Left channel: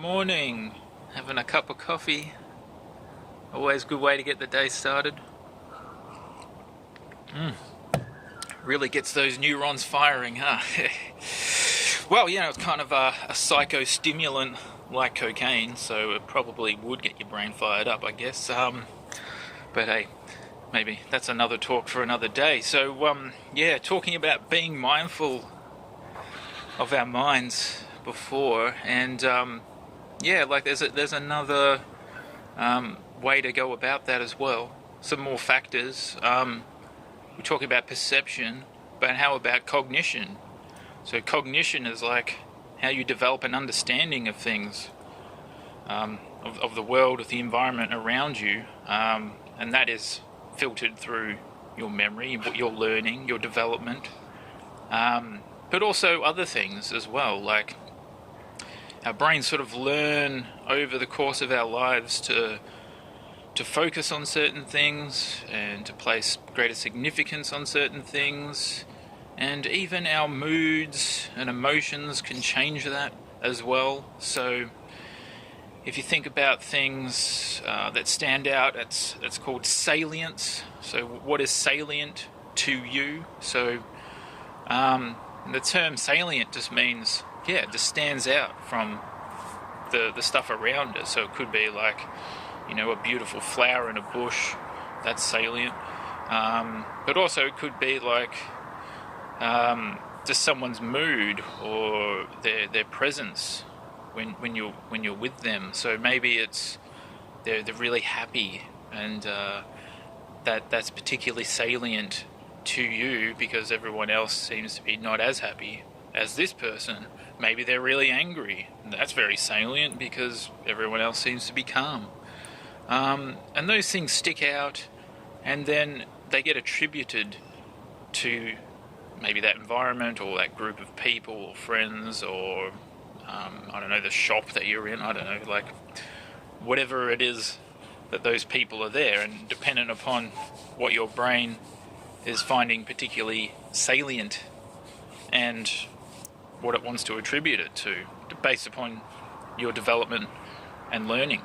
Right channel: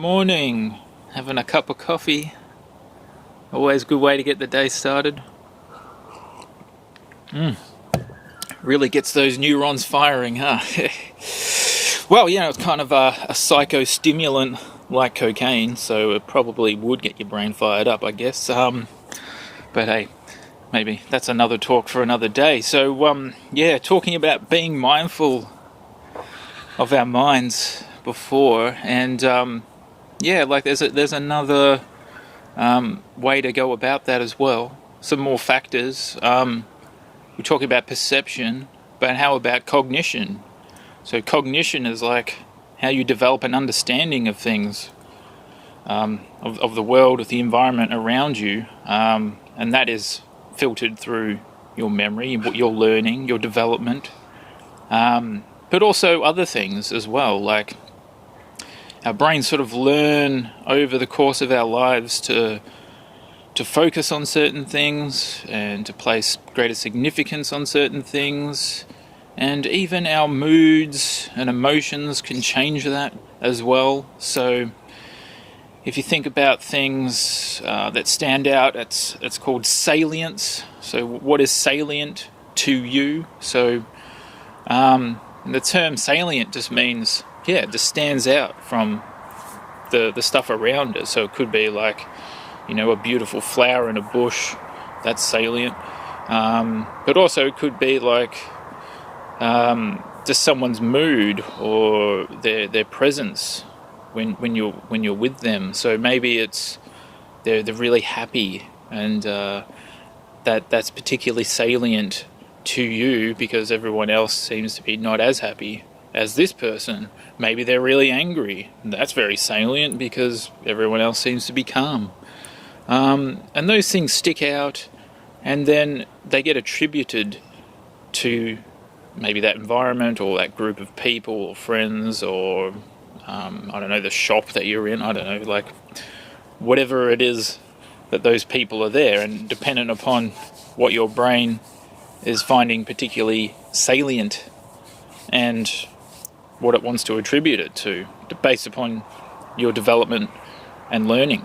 Morning, having a cup of coffee. Always a good way to get the day started. Really gets those neurons firing, huh? Well, it's kind of a psychostimulant like cocaine, so it probably would get your brain fired up, I guess. But hey, maybe that's another talk for another day. So, talking about being mindful of our minds before, and there's another way to go about that as well. Some more factors. We're talking about perception, but how about cognition? So cognition is like how you develop an understanding of things, of the world, of the environment around you, and that is filtered through your memory, what you're learning, your development, but also other things as well, like our brains sort of learn over the course of our lives to focus on certain things and to place greater significance on certain things, and even our moods and emotions can change that as well. So if you think about things that stand out, it's called salience. So what is salient to you? So the term salient just means, it just stands out from the stuff around it. So it could be like, a beautiful flower in a bush, that's salient. But also it could be like just someone's mood or their presence when you're with them. So maybe it's they're really happy, and that's particularly salient to you because everyone else seems to be not as happy as this person. Maybe they're really angry. That's very salient because everyone else seems to be calm. And those things stick out, and then they get attributed to maybe that environment or that group of people or friends or, the shop that you're in. Like whatever it is that those people are there, and dependent upon what your brain is finding particularly salient and what it wants to attribute it to, based upon your development and learning.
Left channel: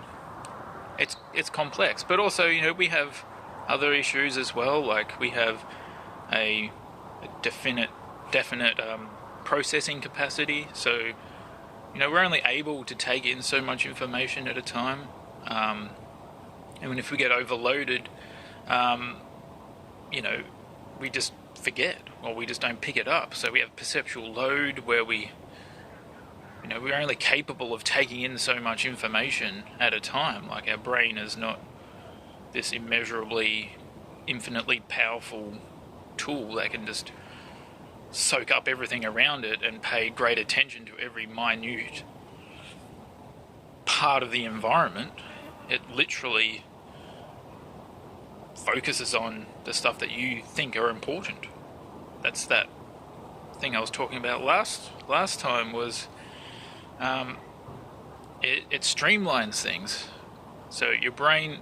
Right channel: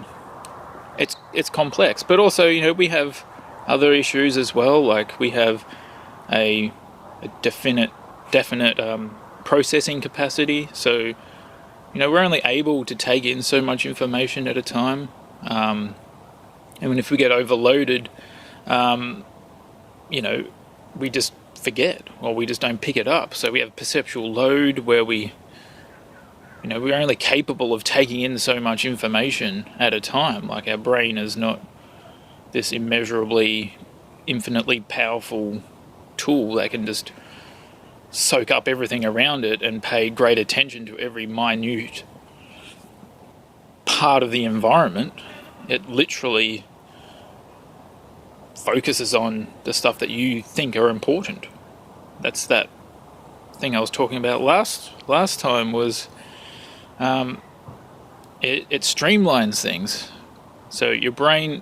It's complex, but also we have other issues as well. Like we have a definite processing capacity. So we're only able to take in so much information at a time, and if we get overloaded, we just forget, or we just don't pick it up. So we have perceptual load where we're only capable of taking in so much information at a time. Like our brain is not this immeasurably, infinitely powerful tool that can just soak up everything around it and pay great attention to every minute part of the environment. It literally focuses on the stuff that you think are important. That's that thing I was talking about last time was it streamlines things. So your brain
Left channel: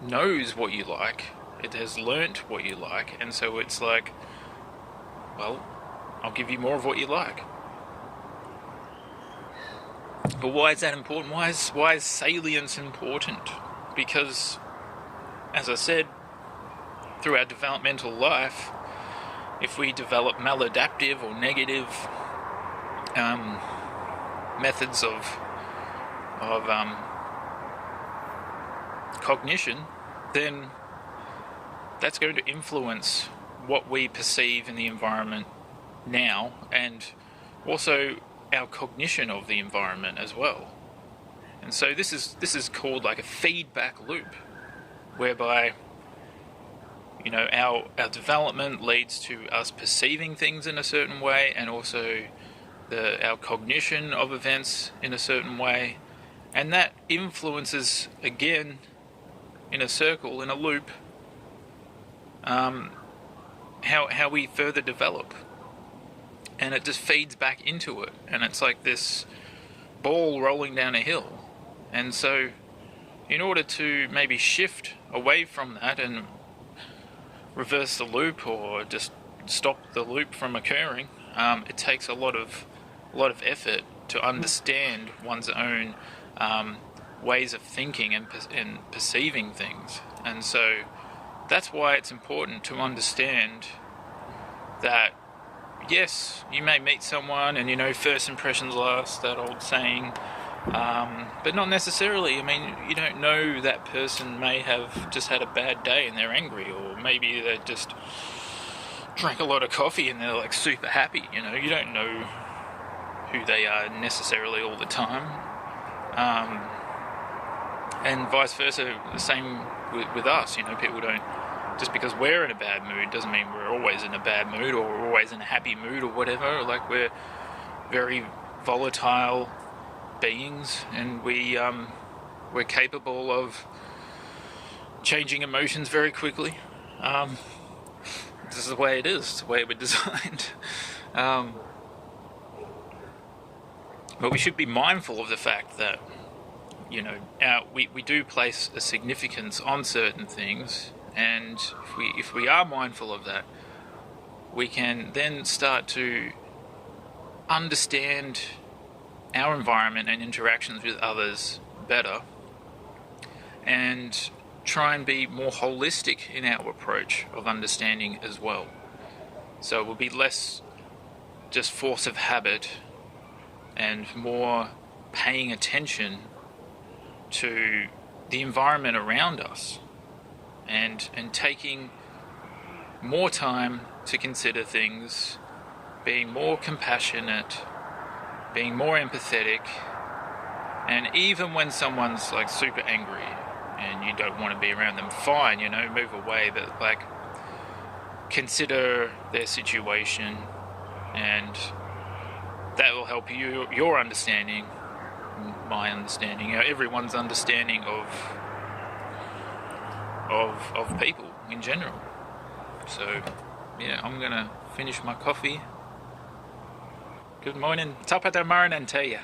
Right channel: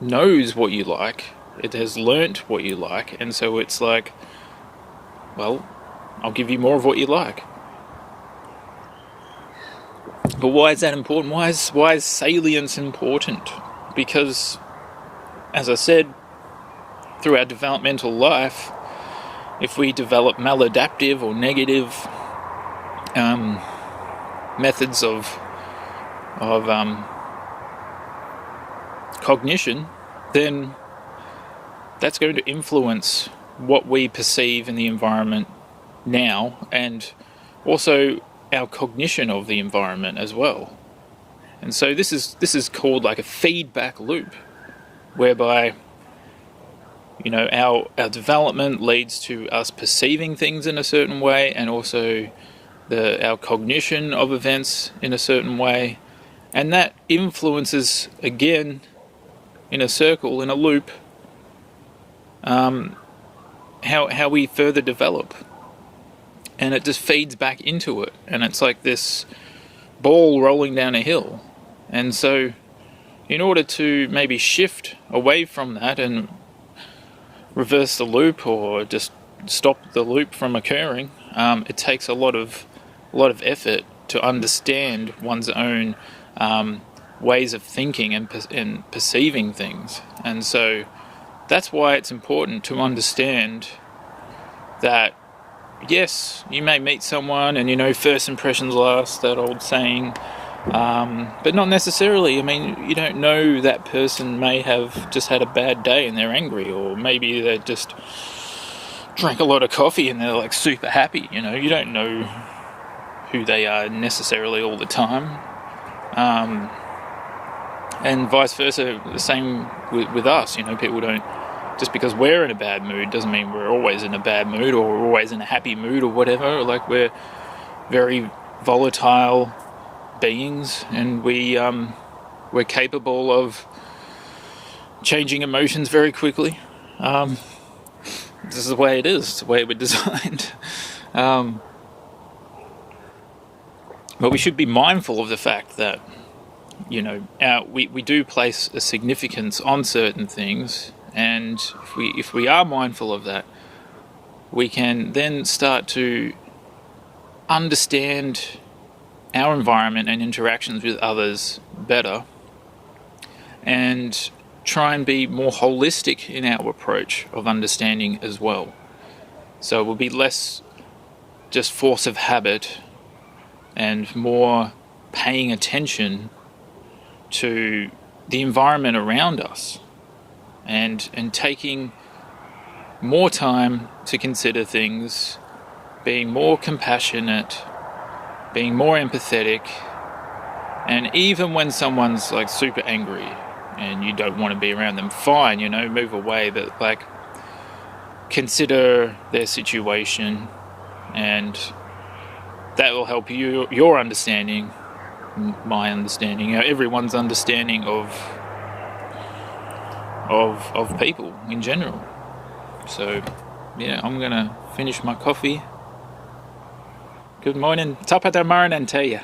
knows what you like, it has learnt what you like, and so it's like, well, I'll give you more of what you like. But why is that important? Why is salience important? Because, as I said, through our developmental life, if we develop maladaptive or negative methods of cognition, then that's going to influence what we perceive in the environment now, and also our cognition of the environment as well. And so this is called like a feedback loop, whereby our development leads to us perceiving things in a certain way, and also our cognition of events in a certain way, and that influences again in a circle, in a loop, how we further develop, and it just feeds back into it, and it's like this ball rolling down a hill. And so in order to maybe shift away from that and reverse the loop, or just stop the loop from occurring, it takes a lot of effort to understand one's own ways of thinking and perceiving things. And so that's why it's important to understand that, yes, you may meet someone and, first impressions last, that old saying, but not necessarily. I mean, you don't know, that person may have just had a bad day and they're angry, or maybe they just drank a lot of coffee and they're like super happy. You don't know who they are necessarily all the time. And vice versa, the same with us. People don't, just because we're in a bad mood doesn't mean we're always in a bad mood or we're always in a happy mood or whatever. Like, we're very volatile beings, and we're capable of changing emotions very quickly. This is the way it is. It's the way we're designed. But we should be mindful of the fact that, we do place a significance on certain things, and if we are mindful of that, we can then start to understand our environment and interactions with others better, and try and be more holistic in our approach of understanding as well. So we'll be less just force of habit and more paying attention to the environment around us, and taking more time to consider things, being more compassionate, being more empathetic. And even when someone's like super angry and you don't want to be around them, fine, move away, but like, consider their situation, and that will help your understanding, my understanding, everyone's understanding of people in general. So I'm gonna finish my coffee. Good morning, tapa marinante.